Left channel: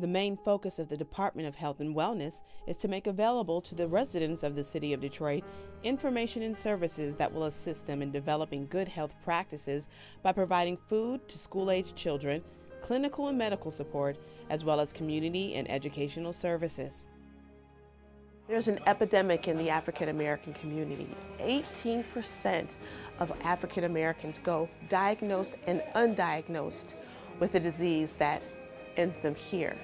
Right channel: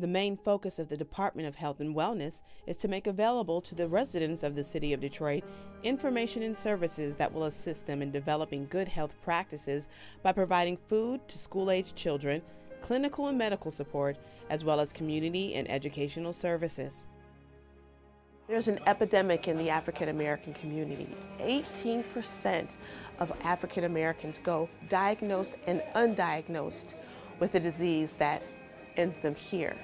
The main focus of the Department of Health and Wellness is to make available to the residents of the City of Detroit information and services that will assist them in developing good health practices by providing food to school-aged children, clinical and medical support, as well as community and educational services. There's an epidemic in the African American community. 18% of African Americans go diagnosed and undiagnosed with a disease that ends them here.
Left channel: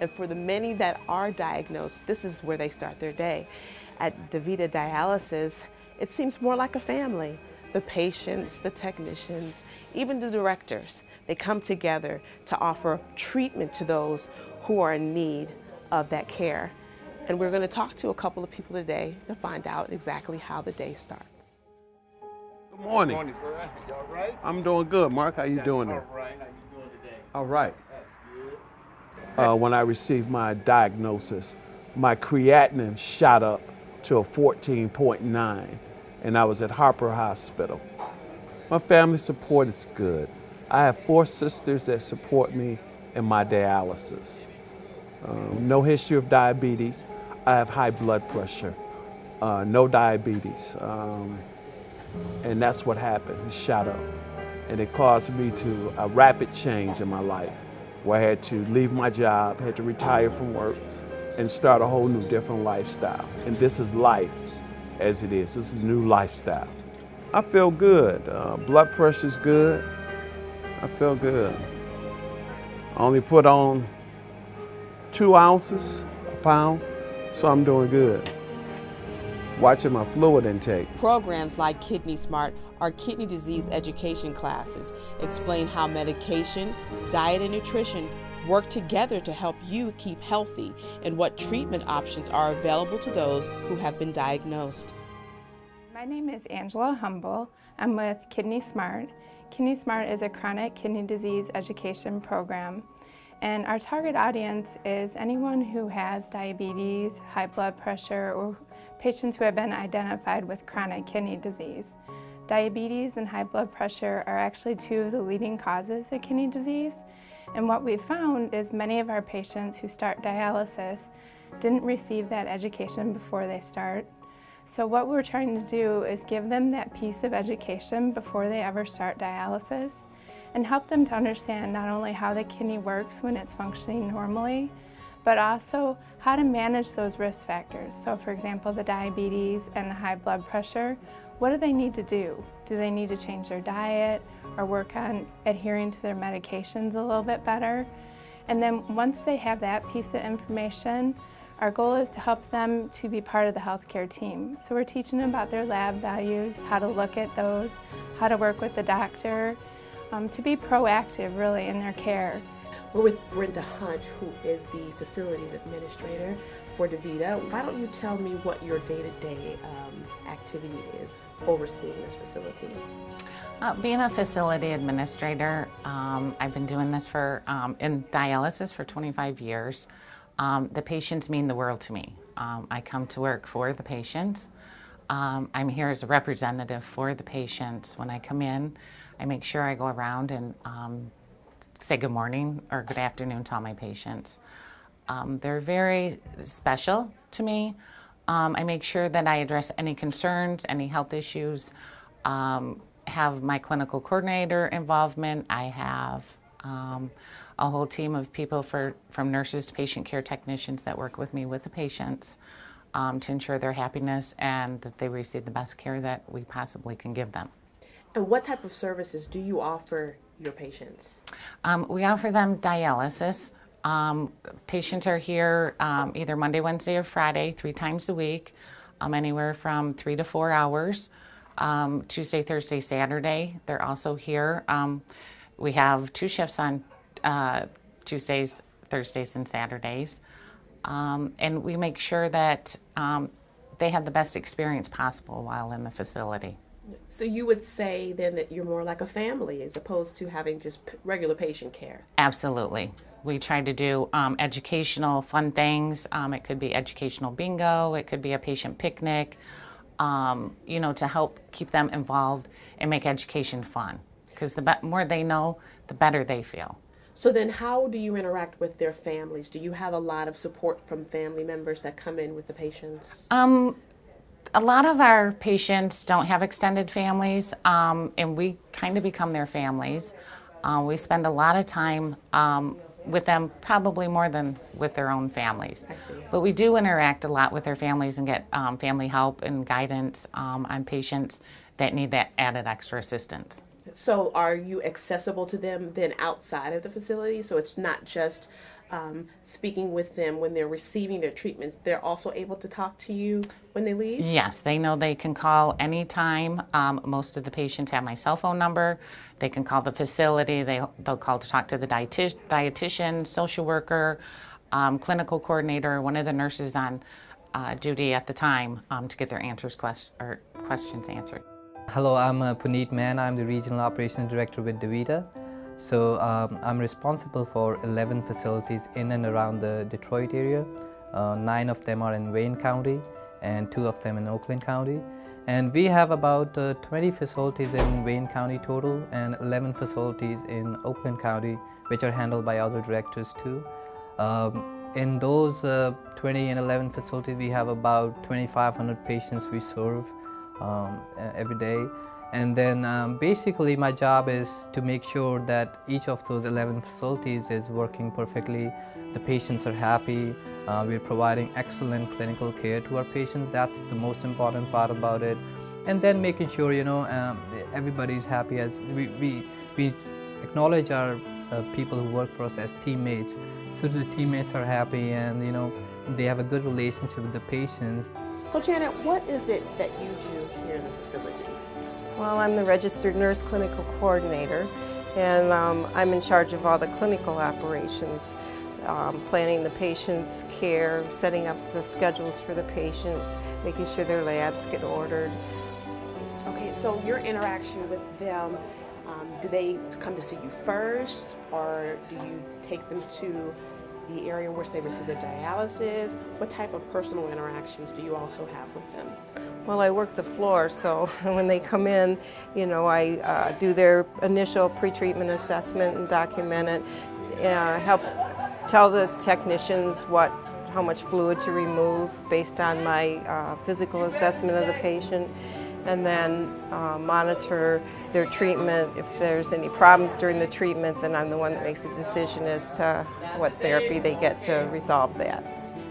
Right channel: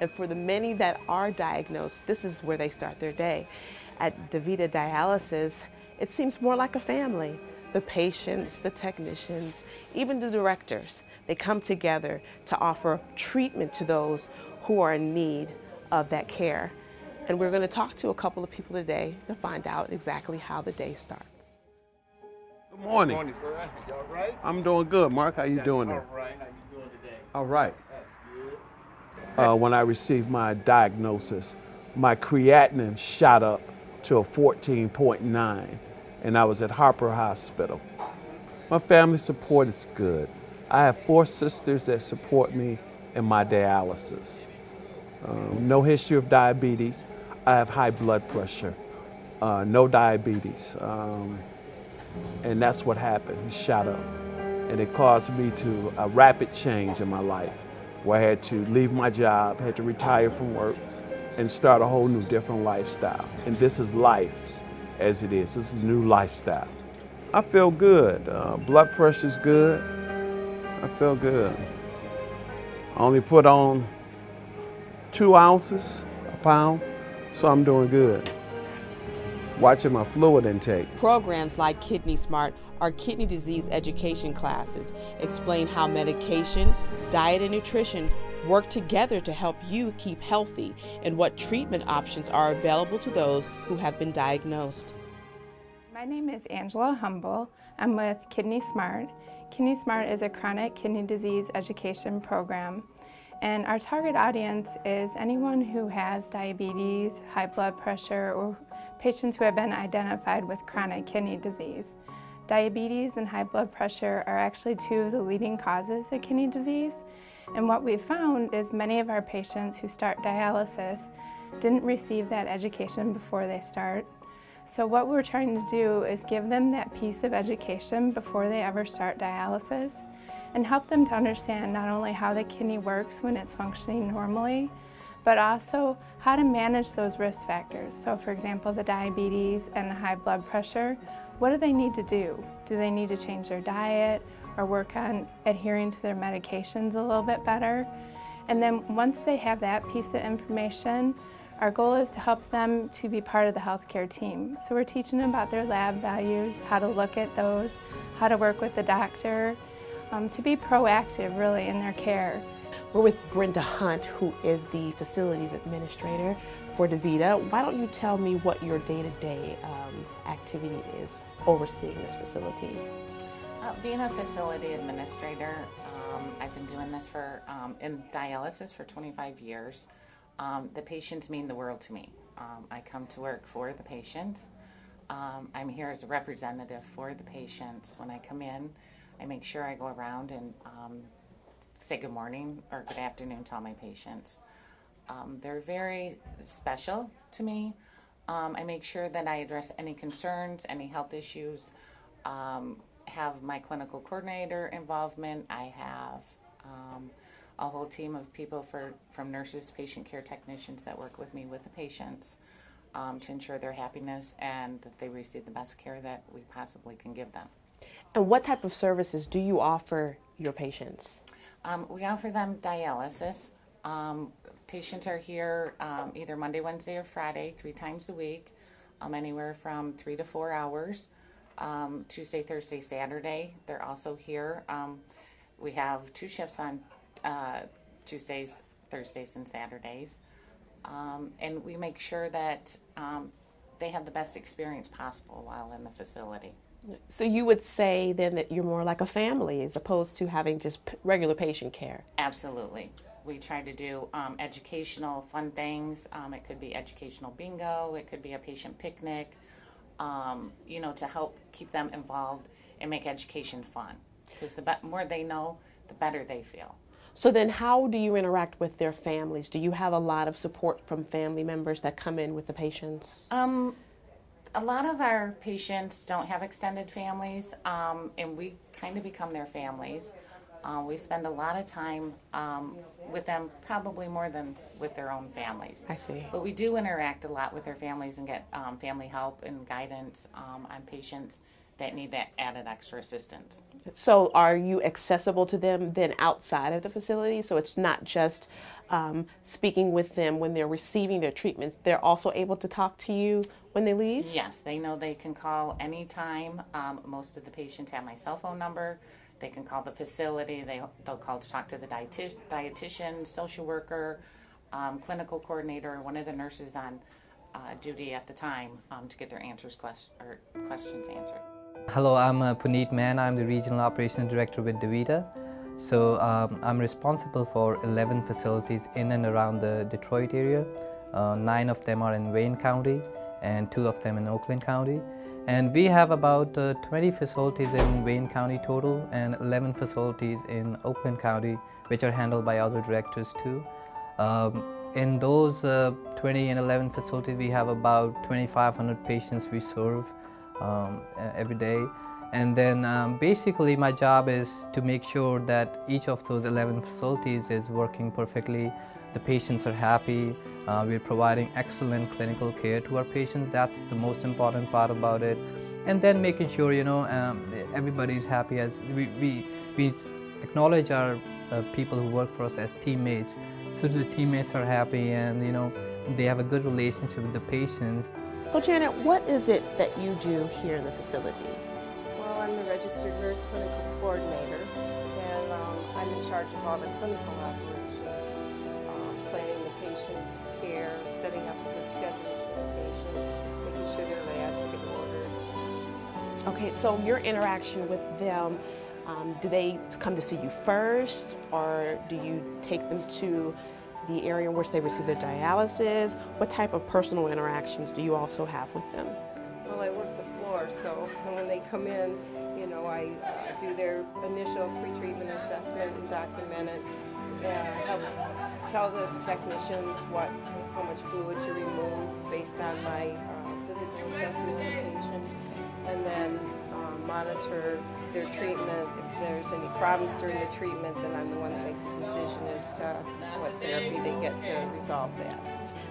And for the many that are diagnosed, this is where they start their day. At DaVita Dialysis, it seems more like a family. The patients, the technicians, even the directors, they come together to offer treatment to those who are in need of that care. And we're going to talk to a couple of people today to find out exactly how the day starts. Good morning. Good morning, sir. You all right? I'm doing good. Mark, how you doing there? All right. How you doing today? All right. That's good. When I received my diagnosis, my creatinine shot up to a 14.9, and I was at Harper Hospital. My family support is good. I have 4 sisters that support me in my dialysis. No history of diabetes. I have high blood pressure, no diabetes. And that's what happened. It shot up. And it caused me to a rapid change in my life, where I had to leave my job, had to retire from work, and start a whole new different lifestyle. And this is life as it is. This is a new lifestyle. I feel good. Blood pressure's good. I feel good. I only put on 2 ounces a pound, so I'm doing good. Watching my fluid intake. Programs like Kidney Smart are kidney disease education classes, explain how medication, diet, and nutrition work together to help you keep healthy and what treatment options are available to those who have been diagnosed. My name is Angela Humble. I'm with Kidney Smart. Kidney Smart is a chronic kidney disease education program. And our target audience is anyone who has diabetes, high blood pressure, or patients who have been identified with chronic kidney disease. Diabetes and high blood pressure are actually 2 of the leading causes of kidney disease. And what we've found is many of our patients who start dialysis didn't receive that education before they start. So what we're trying to do is give them that piece of education before they ever start dialysis, and help them to understand not only how the kidney works when it's functioning normally, but also how to manage those risk factors. So for example, the diabetes and the high blood pressure, what do they need to do? Do they need to change their diet or work on adhering to their medications a little bit better? And then once they have that piece of information, our goal is to help them to be part of the healthcare team. So we're teaching them about their lab values, how to look at those, how to work with the doctor, to be proactive really in their care. We're with Brenda Hunt, who is the facilities administrator for DaVita. Why don't you tell me what your day-to-day activity is overseeing this facility? Being a facility administrator, I've been doing this in dialysis for 25 years. The patients mean the world to me. I come to work for the patients. I'm here as a representative for the patients. When I come in, I make sure I go around and say good morning or good afternoon to all my patients. They're very special to me. I make sure that I address any concerns, any health issues, have my clinical coordinator involvement. I have a whole team of people from nurses to patient care technicians that work with me with the patients to ensure their happiness and that they receive the best care that we possibly can give them. And what type of services do you offer your patients? We offer them dialysis. Patients are here either Monday, Wednesday, or Friday, 3 times a week, anywhere from 3 to 4 hours. Tuesday, Thursday, Saturday, they're also here. We have 2 shifts on Tuesdays, Thursdays, and Saturdays. And we make sure that they have the best experience possible while in the facility. So you would say then that you're more like a family as opposed to having just regular patient care? Absolutely. We try to do educational, fun things. It could be educational bingo. It could be a patient picnic, you know, to help keep them involved and make education fun. Because the more they know, the better they feel. So then how do you interact with their families? Do you have a lot of support from family members that come in with the patients? A lot of our patients don't have extended families, and we kind of become their families. We spend a lot of time with them, probably more than with their own families. I see. But we do interact a lot with their families and get family help and guidance on patients that need that added extra assistance. So are you accessible to them then outside of the facility? So it's not just speaking with them when they're receiving their treatments. They're also able to talk to you when they leave? Yes, they know they can call anytime. Most of the patients have my cell phone number. They can call the facility. They'll call to talk to the dietitian, social worker, clinical coordinator, one of the nurses on duty at the time to get their questions answered. Hello, I'm Puneet Mann. I'm the Regional Operations Director with DaVita. So I'm responsible for 11 facilities in and around the Detroit area. 9 of them are in Wayne County and 2 of them in Oakland County. And we have about 20 facilities in Wayne County total and 11 facilities in Oakland County, which are handled by other directors too. In those 20 and 11 facilities, we have about 2,500 patients we serve every day. And then basically my job is to make sure that each of those 11 facilities is working perfectly. The patients are happy. We're providing excellent clinical care to our patients. That's the most important part about it. And then making sure, everybody's happy. As we acknowledge our people who work for us as teammates, so the teammates are happy and, they have a good relationship with the patients. So Janet, what is it that you do here in the facility? Well, I'm the registered nurse clinical coordinator, and I'm in charge of all the clinical operations, planning the patient's care, setting up the schedules for the patients, making sure their labs get ordered. Okay, so your interaction with them, do they come to see you first, or do you take them to the area in which they receive their dialysis? What type of personal interactions do you also have with them? Well, I work the floor, so when they come in, I do their initial pre-treatment assessment and document it, help tell the technicians how much fluid to remove based on my physical assessment of the patient, and then monitor their treatment. If there's any problems during the treatment, then I'm the one that makes the decision as to what therapy they get to resolve that.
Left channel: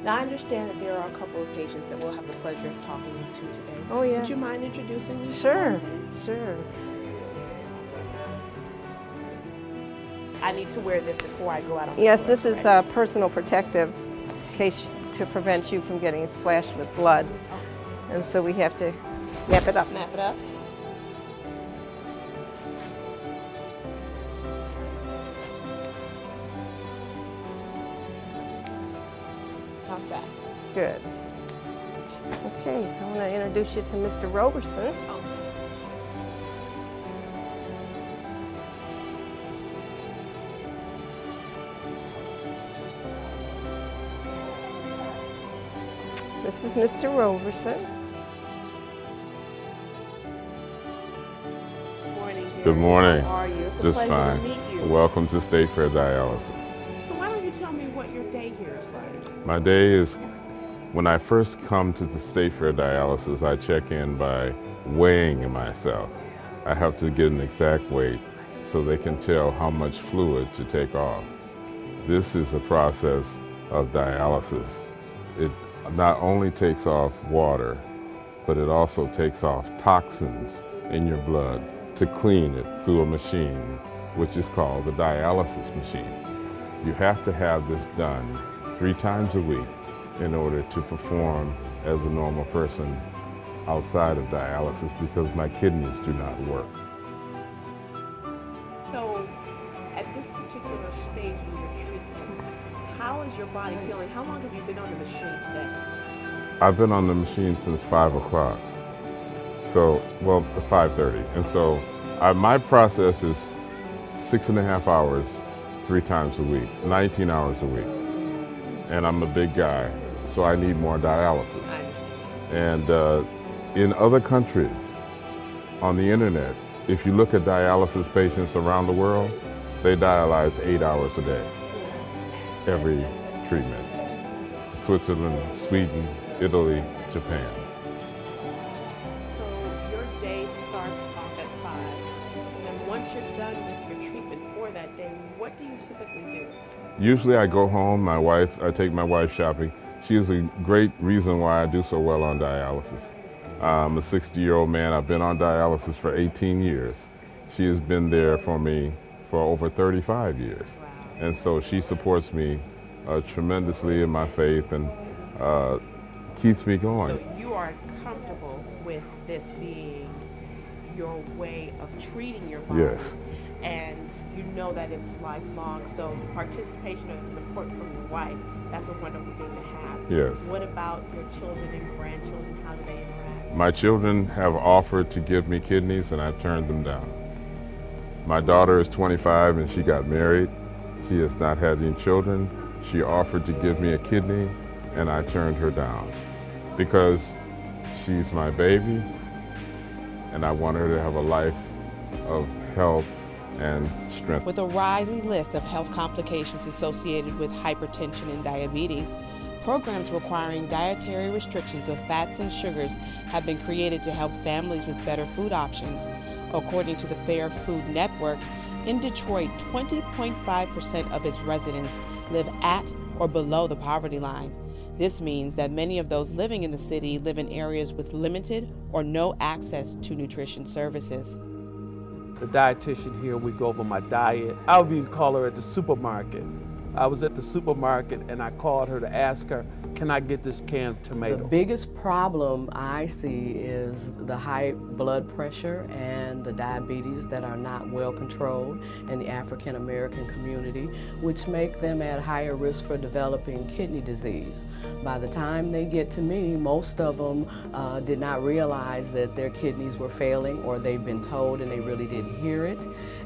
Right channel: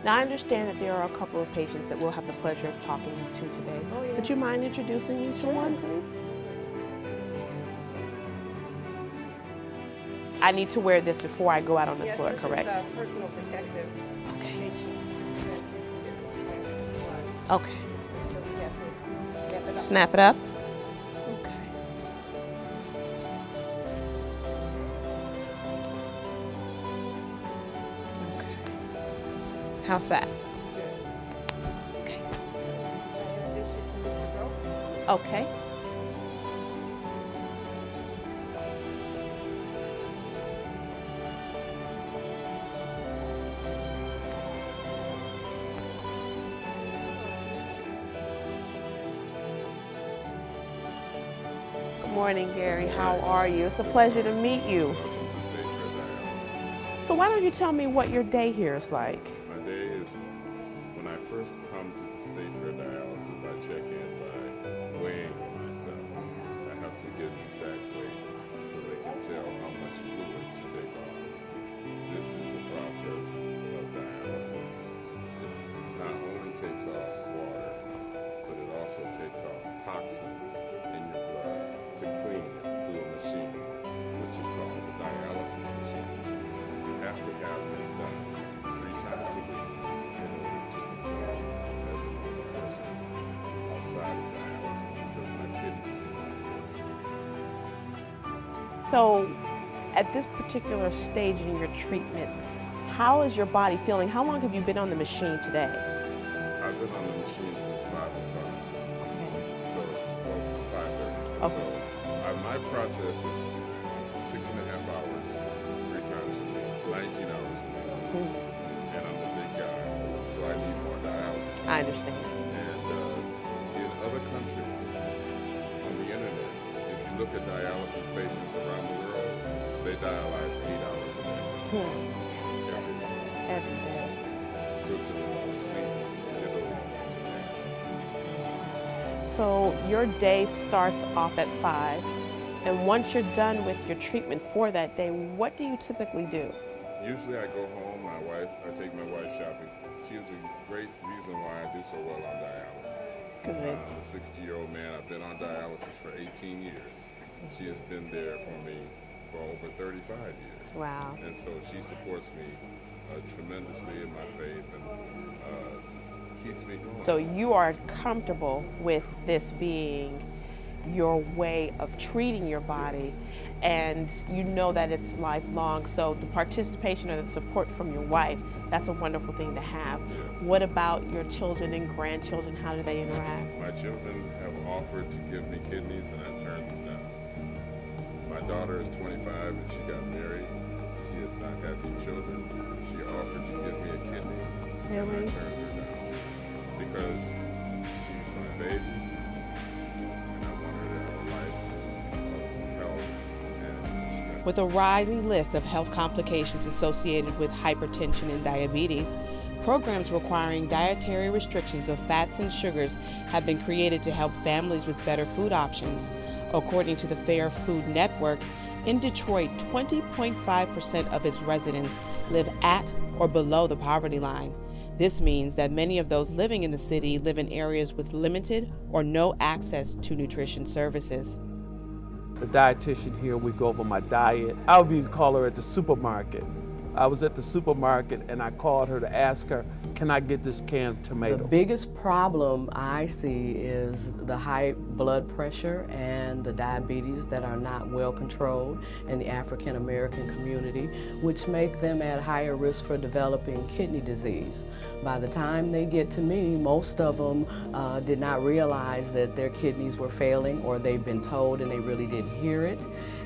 Now, I understand that there are a couple of patients that we'll have the pleasure of talking to today. Oh, yes. Would you mind introducing me? Sure, sure. I need to wear this before I go out on the Yes, floor, this correct? is a personal protective case to prevent you from getting splashed with blood. Okay. And so we have to snap it up. Snap it up. How's that? Good. Okay. Okay, I want to introduce you to Mr. Roberson. Okay. This is Mr. Roberson. Good morning, Gary. Good morning. How are you? It's a Just pleasure fine. to meet you. Welcome to State Fair Dialysis. So why don't you tell me what your day here is like? My day is, when I first come to the State Fair Dialysis, I check in by weighing myself. I have to get an exact weight so they can tell how much fluid to take off. This is a process of dialysis. It not only takes off water, but it also takes off toxins in your blood to clean it through a machine, which is called the dialysis machine. You have to have this done 3 times a week in order to perform as a normal person outside of dialysis, because my kidneys do not work. So at this particular stage in your treatment, how is your body feeling? How long have you been on the machine today? I've been on the machine since 5 o'clock. So, well, 5:30. And Okay. so my process is 6.5 hours, 3 times a week, 19 hours a week. And I'm a big guy, so I need more dialysis. I understand. And in other countries, on the internet, if you look at dialysis patients around the world, They dialyze 8 hours a day, every treatment. Switzerland, Sweden, Italy, Japan. So your day starts off at 5, and once you're done with your treatment for that day, what do you typically do? Usually I go home, I take my wife shopping. She is a great reason why I do so well on dialysis. I'm a 60-year-old man. I've been on dialysis for 18 years. She has been there for me for over 35 years. Wow. And so she supports me tremendously in my faith and keeps me going. So you are comfortable with this being your way of treating your body, yes, and you know that it's lifelong. So the participation or the support from your wife, that's a wonderful thing to have. Yes. What about your children and grandchildren? How do they interact? My children have offered to give me kidneys and I turned them down. My daughter is 25 and she got married. She has not had any children. She offered to give me a kidney and I turned her down because she's my baby and I want her to have a life of health and strength. With a rising list of health complications associated with hypertension and diabetes, programs requiring dietary restrictions of fats and sugars have been created to help families with better food options. According to the Fair Food Network, in Detroit, 20.5% of its residents live at or below the poverty line. This means that many of those living in the city live in areas with limited or no access to nutrition services. The dietitian here, we go over my diet. I would even call her at the supermarket. I was at the supermarket and I called her to ask her, can I get this can of tomato? The biggest problem I see is the high blood pressure and the diabetes that are not well controlled in the African American community, which make them at higher risk for developing kidney disease. By the time they get to me, most of them did not realize that their kidneys were failing, or they've been told and they really didn't hear it.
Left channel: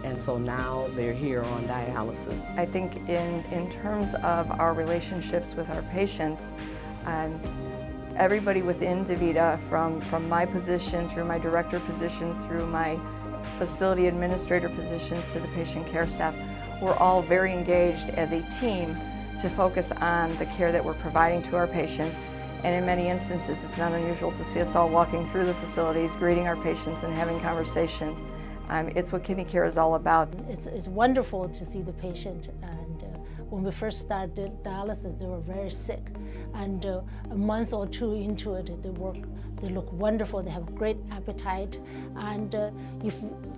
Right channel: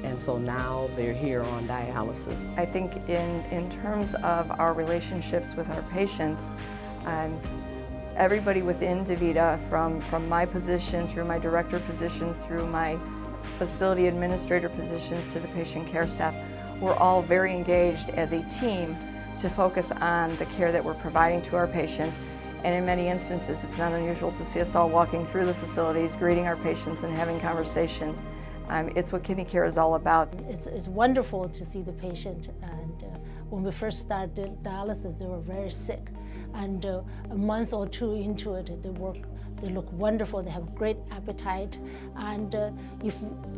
And so now they're here on dialysis. I think in terms of our relationships with our patients, everybody within DaVita, from my position, through my director positions, through my facility administrator positions to the patient care staff, we're all very engaged as a team to focus on the care that we're providing to our patients. And in many instances, it's not unusual to see us all walking through the facilities, greeting our patients and having conversations. It's what kidney care is all about. It's wonderful to see the patient, and when we first started dialysis, they were very sick. And a month or two into it, they look wonderful, they have great appetite. And if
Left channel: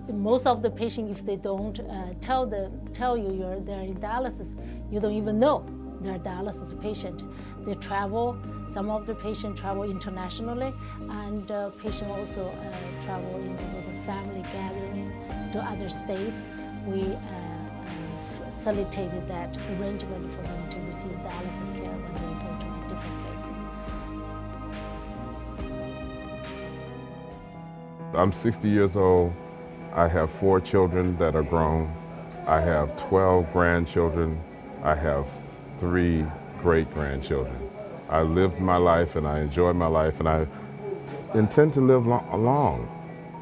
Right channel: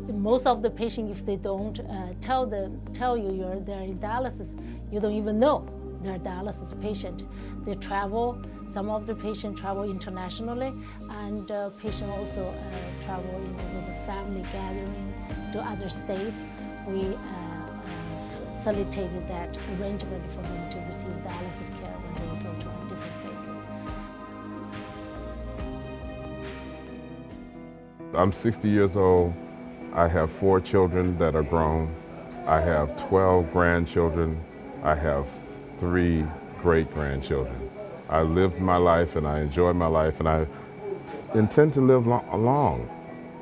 most of the patients, if they don't tell you they're in dialysis, you don't even know they're a dialysis patient. They travel, some of the patients travel internationally, and patients also travel with a family gathering to other states. We facilitated that arrangement for them to receive dialysis care when they go to different places. I'm 60 years old. I have 4 children that are grown. I have 12 grandchildren. I have 3 great-grandchildren. I lived my life and I enjoy my life, and I intend to live along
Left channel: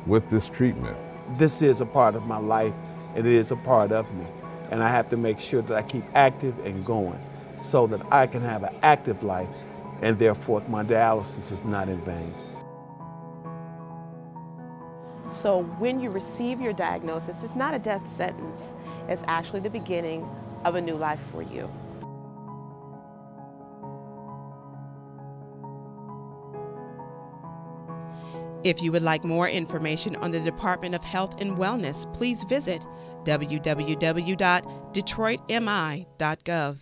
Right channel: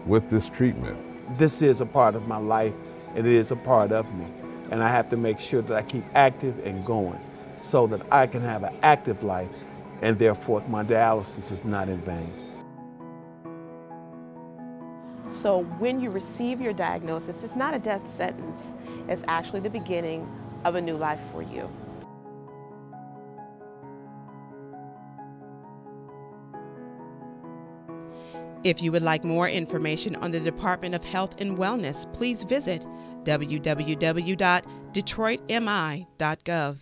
with this treatment. This is a part of my life, and it is a part of me. And I have to make sure that I keep active and going so that I can have an active life, and therefore my dialysis is not in vain. So when you receive your diagnosis, it's not a death sentence. It's actually the beginning of a new life for you. If you would like more information on the Department of Health and Wellness, please visit www.detroitmi.gov.